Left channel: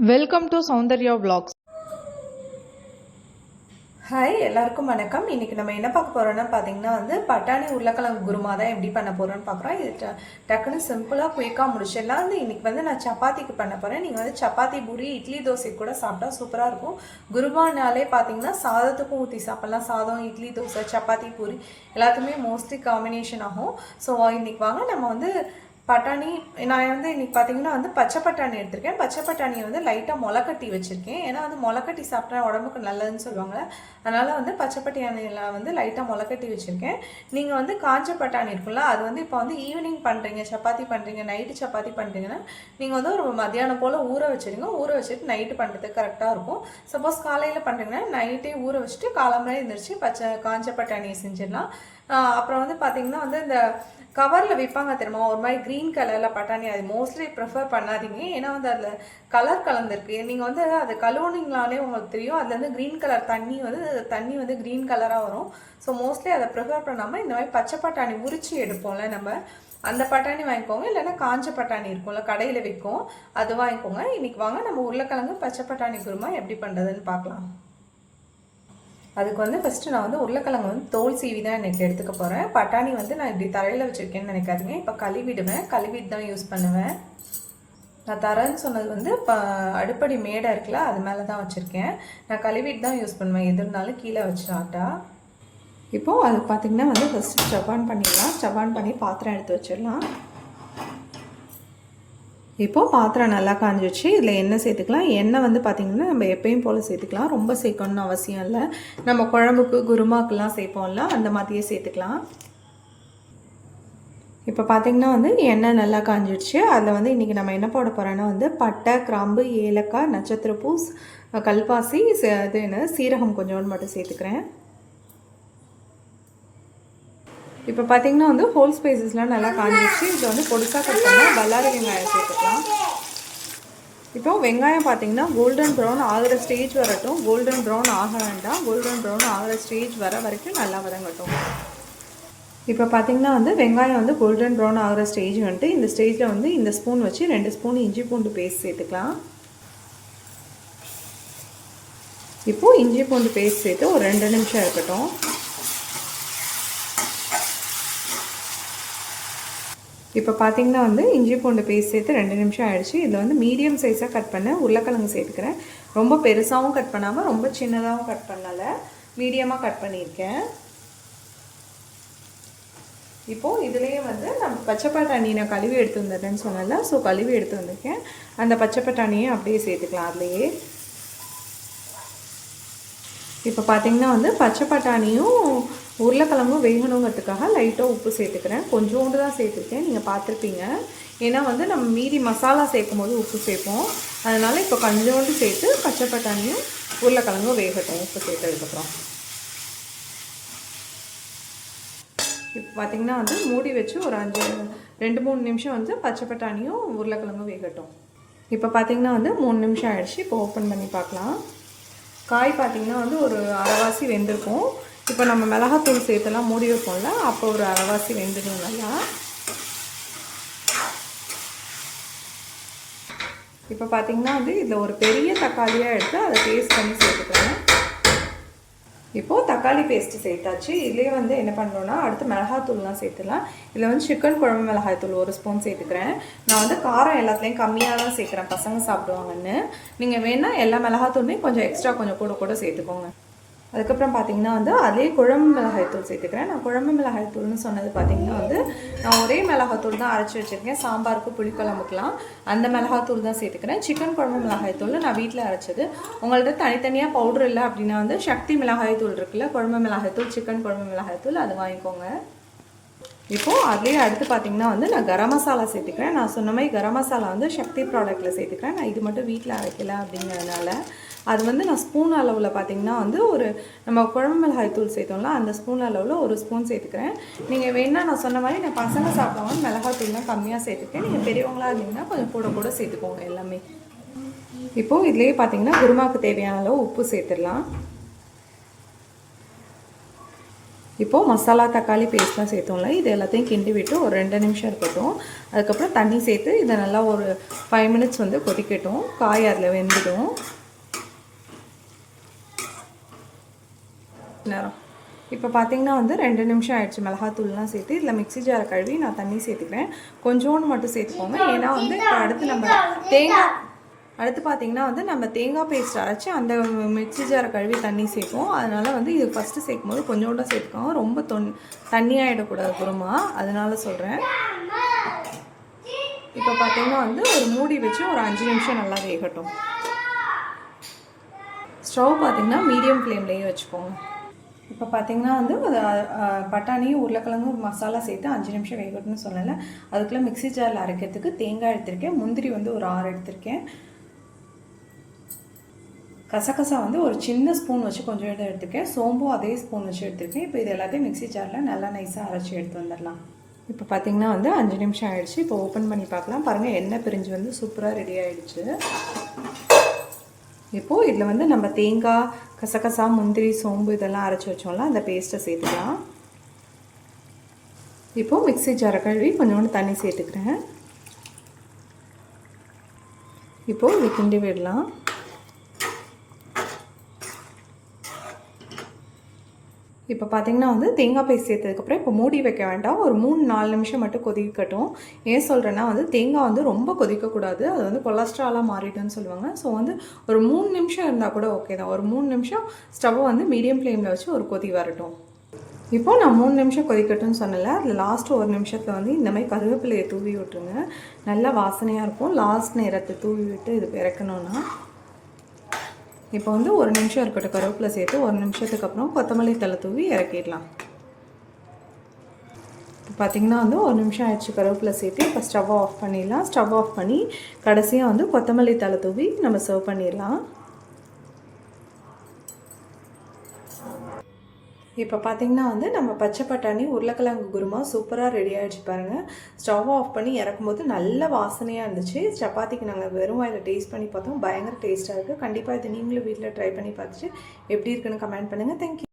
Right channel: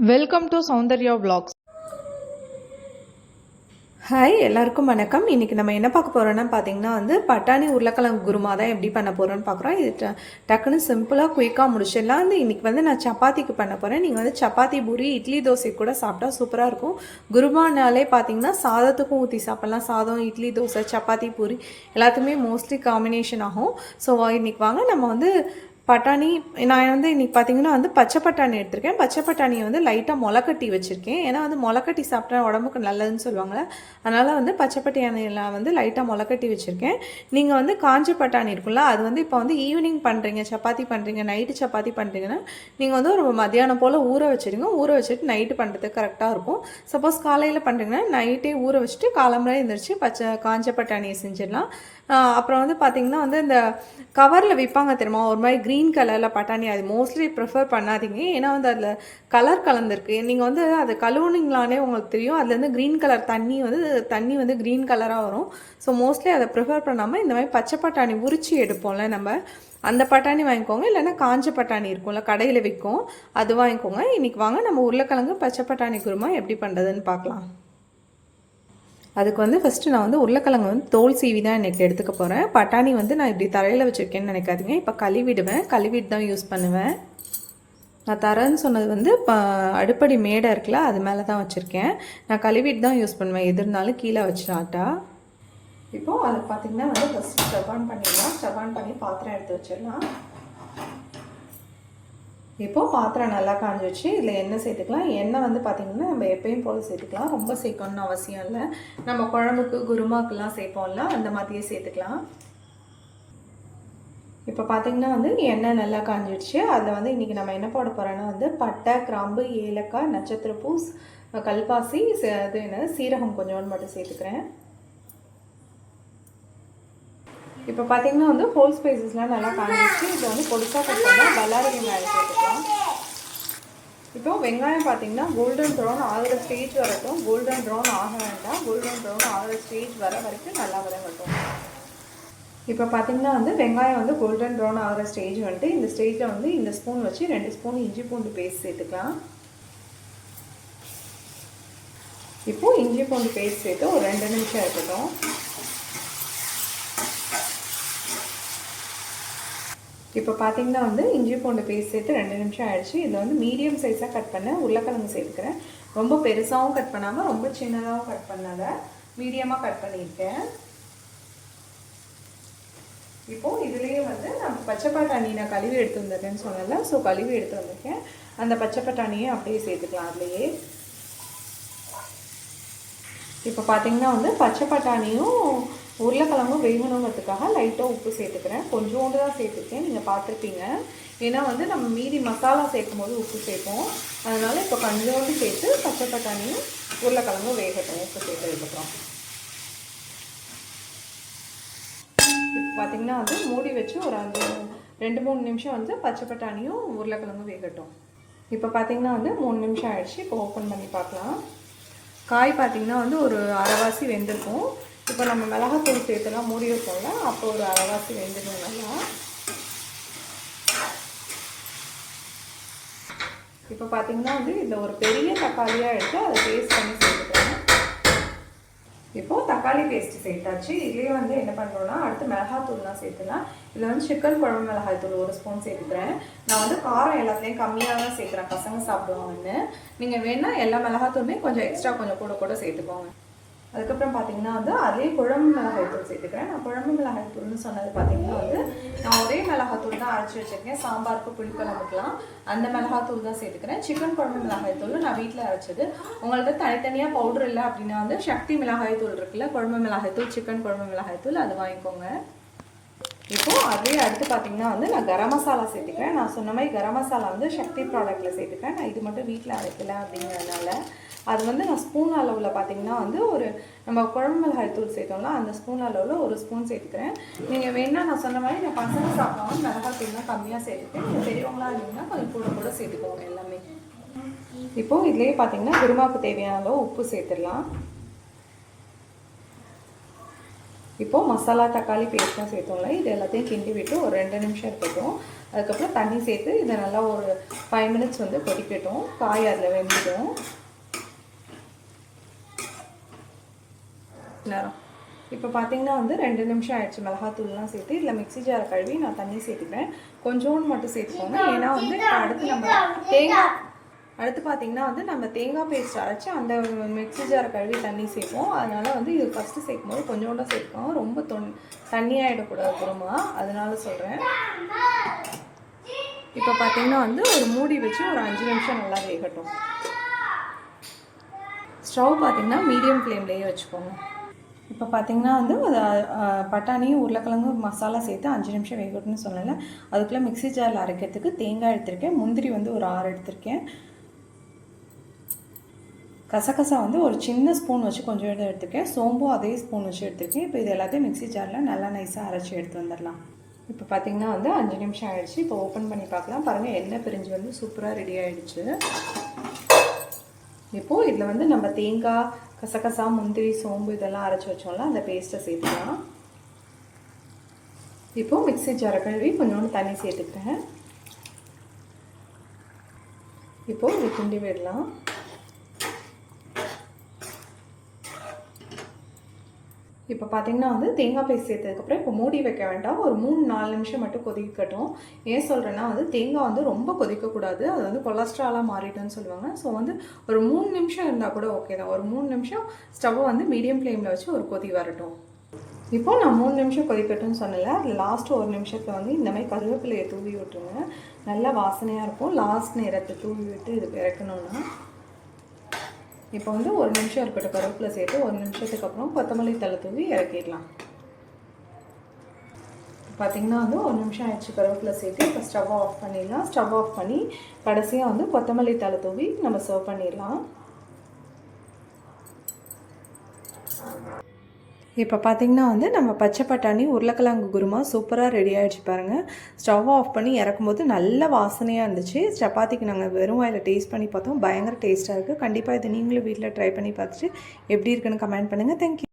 Welcome to Soundarya vlogs. Hi எல்லாருக்கும் வணக்கம். இன்னைக்கு நம்ம என்ன பார்க்க போகிறோம்னா பார்த்தீங்கன்னா வந்து பட்டாணி உருளைக்கிழங்கு குருமா தான் எப்படி பண்ண போகிறோன்னு பார்க்குறோம். இது ட- டக்குன்னு சிம்பிளாக குயிக்காக முடிச்சிடலாம். வந்து இன்னைக்கு வந்து நான் சப்பாத்திக்கு பண்ண போகிறேன் நீங்கள் வந்து சப்பாத்தி பூரி இட்லி தோசை கூட சாப்பிட்டா சூப்பராக இருக்கும். குருமானாலே பார்த்தீங்கன்னா சாதத்துக்கும் ஊற்றி சாப்பிட்லாம். சாதம் இட்லி தோசை சப்பாத்தி பூரி எல்லாத்துக்குமே மோஸ்ட்லி காம்பினேஷன் ஆகும். ஸோ இன்றைக்கி வாங்க நம்ம வந்து பட்டாணி நான் வந்து இன்றைக்கி பார்த்தீங்கன்னா வந்து பச்சை பட்டாணி எடுத்திருக்கேன். பச்சை பட்டாணியை வந்து லைட்டாக முளைக்கட்டி வச்சுருக்கேன். ஏன்னா வந்து முளைக்கட்டி சாப்பிட்டா உடம்புக்கு நல்லதுன்னு சொல்லுவாங்க அதனால் வந்து பச்சை பட்டாணியெல்லாம் வந்து லைட்டாக முளைக்கட்டி வச்சுருக்கேன். நீங்கள் வந்து காஞ்ச பட்டாணி இருக்குல்ல அது வந்து இப்போ வந்து ஈவினிங் பண்ணுறீங்க சப்பாத்தி பண்ணுறீங்க நைட்டு சப்பாத்தி பண்ணுறீங்கன்னா நீங்கள் வந்து ஒரு மத்தியானம் போல் ஊற வச்சுருங்க. ஊற வச்சுட்டு நைட்டு பண்ணுறதுக்கு கரெக்டாக இருக்கும். சப்போஸ் காலையில் பண்ணுறீங்கன்னா நைட்டே ஊற வச்சுட்டு காலம்பரை எழுந்திரிச்சு பச்சை காஞ்ச பட்டாணியை செஞ்சிடலாம். அப்புறம் வந்து பார்த்தீங்கன்னா வந்து இந்த கவரில் விற்பாங்க தெரியுமா? ஒரு மாதிரி க்ரீன் கலரில் பட்டாணி. அது மோஸ்ட்லி ப்ரிஃபர் பண்ணாதீங்க. ஏன்னா வந்து அதில் கலர் கலந்துருக்கு. நீங்கள் வந்து அது கழுவுனீங்களானே உங்களுக்கு தெரியும். அதுலேருந்து க்ரீன் கலர் தண்ணி வந்து தண்ணி வந்து க்ரீன் கலராக வரும். ஸோ மோஸ்ட்லி அதை ப்ரிஃபர் பண்ணாமல் இந்த மாதிரி பச்சை பட்டாணி உரிச்சு எடுப்போம்ல நம்ம. அந்த பட்டாணி வாங்கிக்கோங்க. இல்லைன்னா காஞ்ச பட்டாணி இருக்கும்ல கடையில் விற்கும் அது வாங்கிக்கோங்க. இன்றைக்கி வாங்க. நம்ம உருளைக்கிழங்கு பச்சை பட்டாணி குருமா எப்படி பண்ணுறதுன்னு பார்க்கலாம். அதுக்கு வந்து ஃபஸ்ட்டு நான் வந்து உருளைக்கிழங்கு வந்து தோல் சீவி தான் எனக்கு எடுத்துக்க போகிறேன் பட்டாணி வந்து நான் இப்படி தரையில் வச்சுருக்கேன்னு நினைக்காதீங்க. இப்போ கழுவிடுவேன். கழுவிட்டு தான் யூஸ் பண்ணுவேன். நான் தரேன்னு சொன்னது வந்து ப அடுப்படி மேடை இருக்குல்ல அது மேலே தான் வச்சுருக்கேன். நான் கழுவிட்டு தான் யூஸ் பண்ணுவேன். எது இருந்தாலும் கீழே வச்சிடாட்டா இப்போது அது பார்த்திங்கன்னா வந்து ஃபஸ்ட்டு ஸ்டவ் பண்ணிடலாம். ஸ்டவ் பண்ணி பாத்திரம் எடுத்து வச்சிடலாம். இப்போது பாத்திரம் நல்லா காஞ்சிச்சு இதில் எண்ணெய் சேர்த்துக்கலாம். எண்ணெய் வந்து பார்த்திங்கன்னா நம்ம எப்பயும் போல் சேர்த்துக்கலாம். ரொம்ப சேர்க்கணும்னு அவசியம் இல்லை. நம்ம குழம்புக்கு குருமாக்கெல்லாம் சேர்ப்போம்ல அந்த மாதிரியே சேர்த்துக்கலாம். இப்போ பார்த்திங்கன்னா வந்து எண்ணெய் நல்லா காஞ்சிடுச்சு அதில் வந்து இன்றைக்கி நம்ம என்ன போட போகிறோன்னா வந்து பட்டை கிராம்பு ஏலக்காய் நட்சத்திர பூ கல்பாசி இது என்ன சீரகம் கொஞ்சோண்டு மட்டும் சேர்த்துக்கிறேன். இப்போ பார்த்தீங்கன்னா வந்து ஹோல் ஸ்பைசஸ்லாம் நல்லா காஞ்சிச்சு இதை வந்து பொடிசாக கட் பண்ணால் பல்லாரி வெங்காயம் சேர்த்துக்கலாம் இப்போ வெங்காயம் பார்த்தீங்கன்னா கோல்டன் ப்ரௌன் ஆகிற ஸ்டேஜ் வரட்டும். கோல்டன் ப்ரௌன் ஆக வேண்டாம். கோல்டன் ப்ரௌன் ஆகிற ஸ்டேஜ் வர வரைக்கும் நல்லா வதங்கட்டும். இப்போ பார்த்தீங்கன்னா வந்து வெங்காயம் வந்து கோல்டன் ப்ரௌன் ஆகிற ஸ்டேஜ் வந்துட்டு இந்த ஸ்டேஜில் வந்து இந்த ஸ்பூன் வச்சு ரெண்டு ஸ்பூன் இஞ்சி பூண்டு பேஸ்ட் சேர்த்துக்கலாம். இப்போது இஞ்சி பூண்டு பேஸ்ட் சேர்த்து ஒரு ரெண்டு நிமிஷம் இருக்கட்டும் இப்போ பார்த்தீங்கன்னா வந்து இஞ்சி பூண்டு பேஸ்ட் சேர்த்து ரெண்டு நிமிஷம் ஆயிடுச்சு. இதில் வந்து மீடியம் சைஸாக கட் பண்ண உருளைக்கிழங்கு சேர்த்துக்கிறேன். ரொம்ப பெருசாகவும் கட் பண்ணாமல் ரொம்ப சின்னதாகவும் கட் பண்ணலை. மீடியமாக கட் பண்ணியிருக்கேன். இப்போது இதுலேயே வந்து நம்ம பச்சை பட்டாணி நான் கழுவி எடுத்து வந்ததுன்னு சொன்னல ஸோ கழுவி எடுத்து வந்திருக்கேன். அந்த பச்சை பட்டாணியை அப்படியே சேர்த்துக்கலாம் அதுலேயே. இப்போ பார்த்தீங்கன்னா வந்து பச்சை பட்டாணியும் உருளைக்கிழங்கும் வேகணுங்கிறதுக்காக லைட்டாக உப்பு சேர்த்துக்கிறேன். கொஞ்சோண்டு தான் சேர்த்துருக்கேன். நீங்கள் பார்த்துருப்பீங்க. ஏன்னா வந்து நம்ம மீதி மசாலா சேர்க்கும் போது உப்பு சேர்ப்போம். அதனால் இப்போ கொஞ்சோண்டு சேர்த்து பச்சை பட்டாணியும் உருளைக்கிழங்கும் வேகட்டும். உப்பு சேர்த்ததுக்கப்புறம். இப்போ பார்த்தீங்கன்னா வந்து மூடி வச்சு ஒரு அஞ்சு ரெண்டு மூணு நிமிஷம் வந்து பச்சை பட்டாணியும் உருளைக்கிழங்கும் வேகட்டும். இப்போ பார்த்தீங்கன்னா வந்து மூணு நிமிஷம் ஆயிடுச்சு. இப்போ ஓப்பன் பண்ணி பார்க்கலாம். காய் பார்த்தீங்கன்னா வந்து ஒரு அரைவாசி வெந்திருக்கும். இப்போ நம்ம மிளகாத்தூள் சேர்த்துலாம் மூடி வைப்போம்ல அப்போ ஒரு அரைவாசி வெந்துடும் நல்லா. இப்போ பார்த்தீங்கன்னா வந்து இதில் ஒரு பெரிய தக்காளியாக எடுத்து அதை பேஸ்ட் பண்ணி சேர்த்துக்கோங்க. இப்போது தக்காளி பேஸ்ட்டு சேர்த்தாச்சு. இதுலேயே வந்து என்ன பண்ணுறோன்னா அடுத்து மிளகாத்தூள்லாம் சேர்த்துலாம். இதில் வந்து சிக்கன் குழம்பு மிளகாய் தூள் ஒரு ஸ்பூன் சேர்த்துக்கிறேன். நான் வந்து காரம் எல்லாத்துலேயும் கம்மியாக தான் சேர்க்குறேன். பசங்க சாப்பிடுவாங்கன்னு. நீங்கள் வேணால் எல்லா மிளகாத்தூளுமே கொஞ்சம் எக்ஸ்ட்ரா கொஞ்சம் கூட கூட சேர்த்துக்கோங்க. அதுக்கப்புறம் பார்த்தீங்கன்னா வந்து அதே குழம்பு மிளகாய்த்தூள் சேர்த்துக்கிறேன். நான் குழம்பு மிளகாய்த்தூள்னு சொன்னது பார்த்தீங்கன்னா வந்து நான் ஒரே மிளகாத்தூள் தான் அரைச்சி வச்சுருக்கேன். சாம்பாருக்கு புளிக்குழம்புக்கெலாம் அந்த மிளகாத்தூள் தான் சேர்த்துக்கிறேன். சிக்கன் குழம்பு மிளகாய்த்தூள் நான் வீட்டில் அரைச்சது. உங்கள்கிட்ட தனித்தனியாக பவுடர் இல்லை அப்படின்னா வந்து சக்தி மிளகாய்த்தூள் இருக்குல்ல குழம்பு மிளகாய்த்தூள் சிக்கன் குழம்பு மிளகாய்த்தூள் அது வாங்கிக்கோங்க. இப்போது அதுலேயே அடுத்து பார்த்தீங்கன்னா வந்து நான் கரம் மசாலா சேர்த்துக்கிறேன். நான் சொன்ன மாதிரி கரம் மசாலா வந்து சக்தி ப்ராடக்ட்டில் சேர்த்துக்கிறேன். நான் இது மட்டும் வீட்டில் அரைக்கல அப்படிங்கிறதுனால அது வந்து நான் ஸ்பூன் அளவில் பார்த்தீங்கன்னா வந்து ஒரு நம்ம குழம்பு மிளகாய் தூள் சேர்த்தோம்ல அந்த ஸ்பூன் அளவில் ஒரு ஸ்பூன் சேர்த்துக்கிறேன். நீங்கள் வேணால் நான் சொன்ன மாதிரி நான் பசங்க சாப்பிடுவாங்க மிளகாய் தூள்லாம் கம்மியாக சேர்த்துக்கிறேன் நீங்கள் பெரியவங்களாக இருந்தீங்கன்னா கொஞ்சம் கூட கூட சேர்த்துக்கோங்க எல்லாமே. இப்போது இதுலேயே பார்த்தீங்கன்னா குருமாக்கு தேவையான அளவு உப்பு சேர்த்துடலாம். இப்போது மசாலா தக்காளி பேஸ்ட்லாம் சேர்த்தோம்ல இது எல்லாத்தையும் கிண்டி விட்டு ஒரு ரெண்டு நிமிஷம் இருக்கட்டும். அதுக்கப்புறம் தண்ணி சேர்த்து இதை நல்லா ஒரு ஃபைவ் மினிட்ஸ் வந்து கொதிக்கட்டும். காய் அதில் வெந்துடும். நேரம். இப்போ பார்த்தீங்கன்னா வந்து ரெண்டு நிமிஷம் ஆயிடுச்சு மிளகாத்தூள்லாம் சேர்த்து. இதில் மிக்ஸி ஜாரை கழுவி நான் தண்ணி சேர்த்துக்கிறேன். கொஞ்சோண்டு மட்டும் சேர்த்துக்கோங்க. ஏன்னா வந்து இப்போ அடுத்து நம்ம தேங்காய் அடுத்து பார்த்தீங்கன்னா வந்து நம்ம தேங்காய் பேஸ்ட் அரைச்சி அந்த மிக்ஸி ஜாரை கழுவி தண்ணி சேர்ப்போம். அதனால் வந்து இது ஃபஸ்ட்டு சேர்க்கும் போது கொஞ்சோண்டு சேர்த்துக்கோங்க. ரொம்ப தொன் தண்ணியாகிடக்கூடாது குருமா அதனால் சொல்கிறேன் இப்போ பார்த்தீங்கன்னா வந்து ஒரு மூடி வச்சு ஒரு அஞ்சு நிமிஷம் நல்லா வேகட்டும். ஸ்டவ் பார்த்தீங்கன்னா மீடியம் ஃப்ளேம்லேயே வச்சுக்கோங்க. இப்போ பார்த்தீங்கன்னா வந்து அது, பட்டாணியும் உருளைக்கிழங்கும் மசாலா சேர்த்து அஞ்சு நிமிஷம் வேகட்டும்னு சொல்லலை. அதுக்குள்ளே மிக்ஸி ஜாரில் அரைக்கிறதுக்கு தேங்காய் எடுத்திருக்கேன். முந்திரி வந்து ஒரு ஆறு எடுத்திருக்கேன். கசகசா வந்து ஒரு சின்ன ஸ்பூன் வச்சு கொஞ்சம் எடுத்து எடுத்துருக்கேன். சோம்பும் அதே ஸ்பூன் வச்சு எடுத்துருக்கேன். இப்போ இது எல்லாத்தையும் மிக்ஸி ஜாரில் நல்லா நைஸாக அரைச்சி எடுத்து வந்துடலாம். இப்போ பார்த்தீங்கன்னா வந்து அஞ்சு நிமிஷம் ஆகிடுச்சு இப்போ ஓப்பன் பண்ணி பார்க்கலாம். பாருங்கள் எண்ணெய் பிரிஞ்சு வந்து சூப்பராக ரெடி ஆகிடுச்சு இப்போது இதில் வந்து நம்ம தேங்காய் கசகசா முந்திரி சோம்பு இதெல்லாம் அரைச்சி வச்சோம்ல அந்த பேஸ்ட்டை சேர்த்துக்கலாம். இப்போது மிக்ஸி ஜாரை கழுவி கொஞ்சோண்டு தண்ணி சேர்த்துக்கிறேன். இப்போது இது கிண்டி விடலாம். இப்போ பார்த்தீங்கன்னா வந்து தேங்காய் பேஸ்ட் சேர்த்ததுக்கப்புறம் இப்போ மூடி வைக்க வேண்டாம். ஒரு மூணு நாலு நிமிஷம் மட்டும் கொதிக்கட்டும். ஏன் சொல்கிறேன்னா வந்து தேங்காய் வந்து ரொம்ப கொதிக்கக்கூடாது. அது வந்து கொலஸ்ட்ராலாக மாறிடுன்னு சொல்லுவாங்க. ஸோ வந்து ஒரு மூணு நிமிஷம் இருந்தால் கூட ஓகே தான். ஒரு மூணு நிமிஷம் ஸ்டவ்வை வந்து மீடியம் ஃப்ளேமில் வச்சு ஒரு கொதி வரட்டும். இப்போ நான் மூணு நிமிஷம் கொதிக்கட்டும்னு சொன்னல அதில் லாஸ்ட் ஒரு நிமிஷத்தில் வந்து இந்த மாதிரி கருவேப்பிலையை தூவி விட்டுருங்க. நல்லா வாசனையாக இருக்கும். லாஸ்ட் நேரத்தை தூவி விட்டு இது பிறக்கணும்னா இப்போ வந்து ஒரு நிமிஷம் இருக்கட்டும் கருவேப்பிலை சேர்த்து ஒரு நிமிஷத்துக்கு அப்புறம் கொத்தமல்லி தலை தூவி இறக்கிடலாம். பார்த்தீங்கன்னா வந்து ஒரு நிமிஷம் ஆயிடுச்சு கருவேப்பிலை சேர்த்து. இப்போ ஸ்டவ் ஆஃப் பண்ணிடலாம். ஸ்டவ் ஆஃப் பண்ணி கடைசியாக வந்து கொத்தமல்லி தலை தூவி நம்ம சர்வ் பண்ணிடலாம். இப்போ பார்த்தீங்கன்னா வந்து நம்ம பச்சை பட்டாணி உருளைக்கிழங்கு குருமா சூப்பராக ரெடி ஆகிடுச்சு பாருங்கள் ஸ்டவ் ஆஃப் பண்ணி இறக்கும்போது நல்ல வாசனையாக இருந்துச்சு. சப்பாத்திக்கு நாங்கள் வெறும் வாயில் டேஸ்ட் பண்ணி பார்த்தோம். பயங்கர டேஸ்ட்டாக இருக்குது கண்டிப்பாக இதை நீங்களும் வீட்டில் ட்ரை பண்ணி பார்த்துட்டு எப்படி இருக்குன்னு கமெண்ட் பண்ணுங்கள் தேங்க்யூ